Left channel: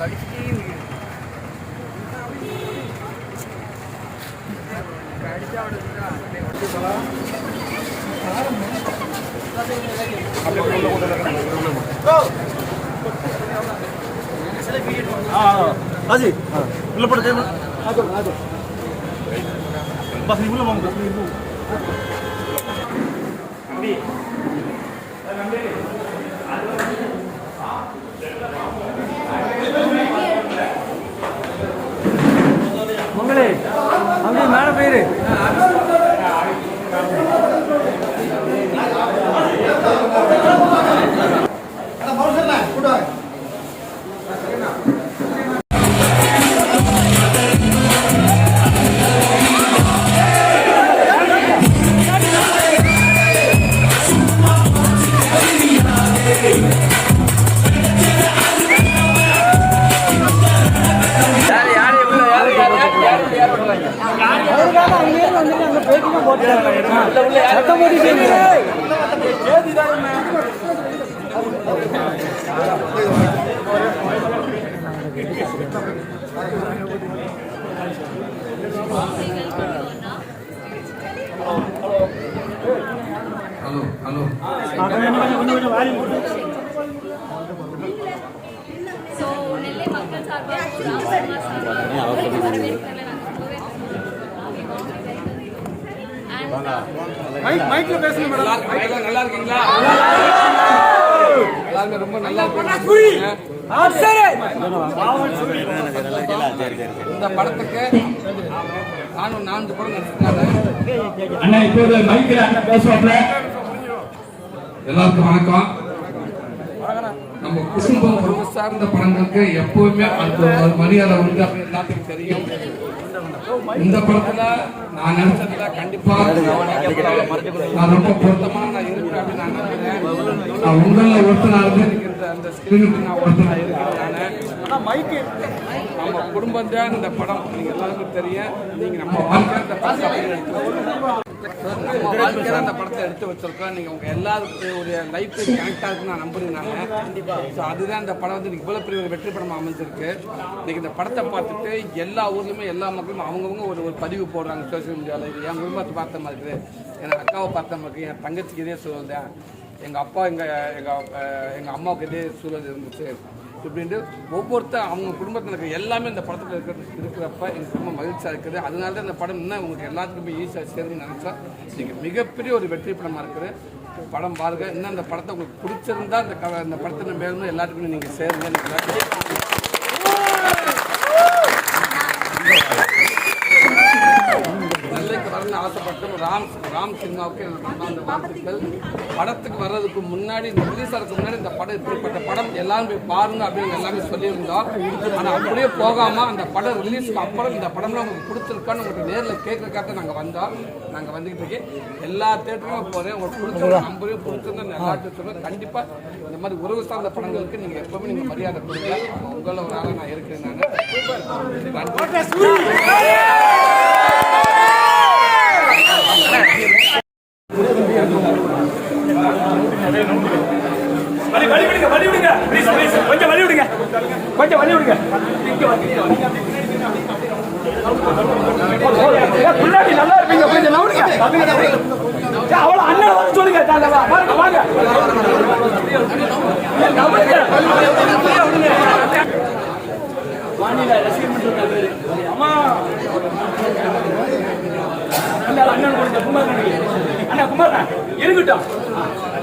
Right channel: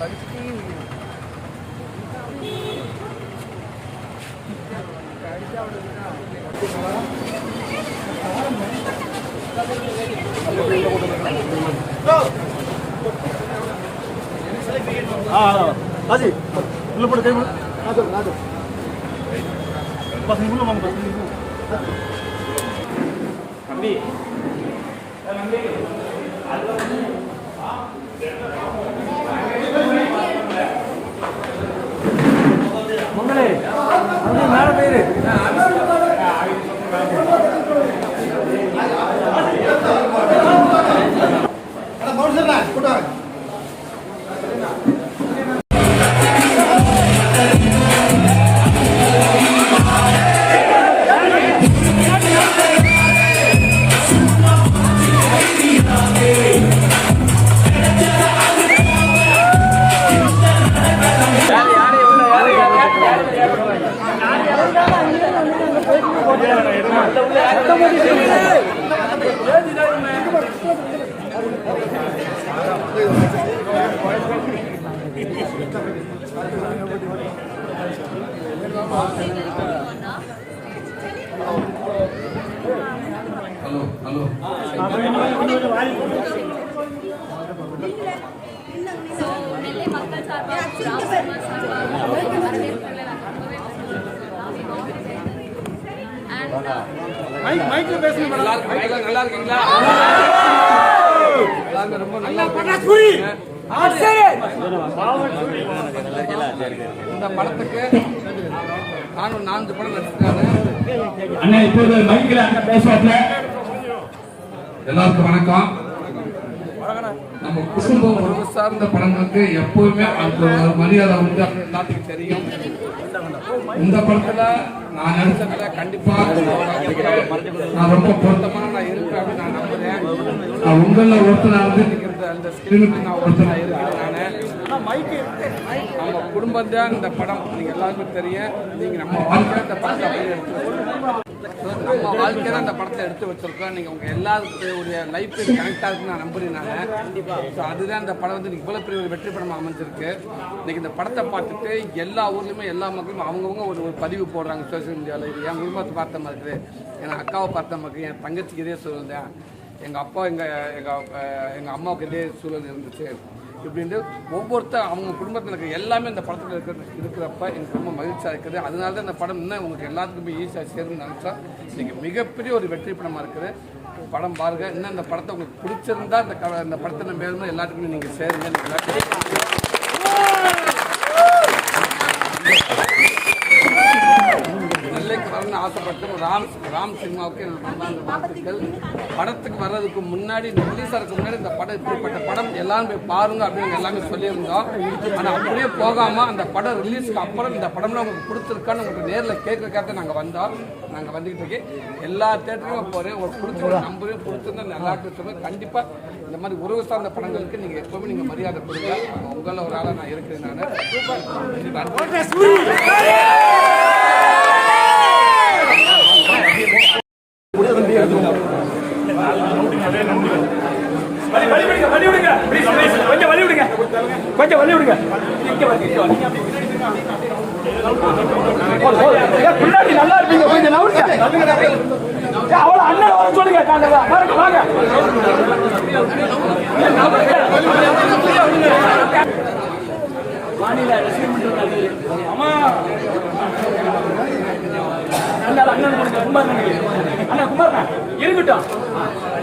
ராஜி உள்ள போட தேவை நாட்டு நாட்டு பசங்க உள்ள வாங்க ஹலோ ஹலோ ஸோ நெல்லை மக்கள் நல்லா இருக்கீங்களா ரொம்ப நல்லா இருக்கீங்க இந்த படத்துக்கு நானும் நான்கு படம் நடிச்சிருக்காரு இப்போது மைக்கில் அண்ணா பேசுவாப்ல எல்லாருக்கும் வணக்கம். நம்ம குடும்பம் சார்ந்த படங்களுக்கு எப்பவுமே ஒரு மரியாதை உண்டு. அப்படின்னு எல்லாத்துக்கும் தெரியும். இந்த படத்துல நான் நடிச்சதுல கண்டிப்பா நான் ரொம்ப பொருத்தமா நான் இருக்கிறேன் அப்படின்னு நான் நம்புறேன். நான் உங்கள ஒருத்தனால இருக்கிறது அந்த ஸ்கிரீனுக்கு நான் ஒருத்தனா இருக்கிறேன் நான். நம்ம குடும்பம் தான் இந்த படம் நீங்க எல்லாருக்கும் தெரியும். நீங்க நம்ம வாழ்க்கையில இந்த படத்தை அப்படியே எடுத்து வச்சிருக்கோம் நம்ம வாழ்க்கையில இந்த படத்தை எடுத்து வச்சிருக்கோம். நீங்க உங்க எல்லாருக்கும் ஒரு லைஃப் கனெக்ட் ஆகுதுன்னு நான் நம்புறேன் நான் ஸோ அதுதான் இந்த படம் வந்து இன்னைக்கு இவ்வளவு பெரிய ஒரு வெற்றி படமாக அமைஞ்சிருக்கு. இன்னைக்கு இந்த படத்தை பார்த்துட்டு எல்லா ஊர்லயுமே எல்லா மக்களும் அவங்கவுங்க ஒரு ஒரு பதிவு போடுறாங்க சோசியல் மீடியாவில் இது என் குடும்பத்தை பார்த்த மாதிரி இருக்குது. என் அக்காவை பார்த்த மாதிரி என் தங்கச்சிக்கு இதே சூழல் தான். எங்கள் அப்பா எங்கள் எங்கள் எங்கள் அம்மாவுக்கு இதே சூழல் இருந்துச்சு. இப்படின்ட்டு ஒவ்வொருத்தர் அவங்க குடும்பத்தில் இருக்கிற எல்லாமே இந்த படத்தில் இருக்கிற இருக்கிறப்ப எனக்கு ரொம்ப மகிழ்ச்சியாக இருக்குது. அதனால தான் இந்த படம் இன்னும் உங்களுக்கு எல்லாத்துக்குமே ஈஸியாக சேரும்னு நினச்சா நீங்கள் மிகப்பெரிய ஒரு வெற்றி படமாக இருக்குது. படம் பாருங்க. இன்னும் இந்த படத்தை உங்களுக்கு பிடிச்சிருந்தா இந்த க இந்த படத்தை மேலும் எல்லாத்துக்குமே நீங்கள் சேருங்க. எனக்கு எல்லாத்துக்கும் ராம் ராம் சினிமாவுக்கு என்னோட மனமார்ந்த வாழ்த்துக்கள். படத்துக்கு வர்றதுக்கு முன்னாடி இந்த ரிலீஸ் ஆகிறதுக்கு முன்னாடி இந்த படம் இப்படிப்பட்ட படம் எல்லாரும் போய் பாருங்க அப்படின்னு எல்லாமே சொல்லியிருந்தோம். ஆனால் அப்படியே போகாம அந்த படம் ரிலீஸ்க்கு அப்புறம் இந்த படம்லாம் உங்களுக்கு கொடுத்துருக்கான்னு உங்களுக்கு நேரில் கேட்கறதுக்காக நாங்கள் வந்தோம். நாங்கள் வந்துக்கிட்டு இருக்கேன் எல்லா தேட்டருக்கும் போகிறேன் உங்களுக்கு கொடுத்து நம்பரையும் கொடுத்துருந்தோம் எல்லா தேட்டரும் கண்டிப்பாக இந்த மாதிரி உறவு சார்ந்த படங்களுக்கு நீங்கள் எப்பவுமே நீங்கள் மரியாதை கொடுங்க. உங்களை ஒரு ஆளாக நான் இருக்கிறேன் நான். நன்றி வழி விடுங்க வழி விடுங்க ப்ளீஸ் ப்ளீஸ் கொஞ்சம் வழி விடுங்க கொஞ்சம் வழி விடுங்க பின்னாடி நல்லா இருப்பீங்க. கொஞ்சம் நவுடுங்க ஏன் அண்ணன் வர சொல்லுங்க. வாங்க வாங்க ஏன் ரசிகர் அண்ணன் கொடுங்க. குமார் அண்ணா குமார் இருக்கட்டும்.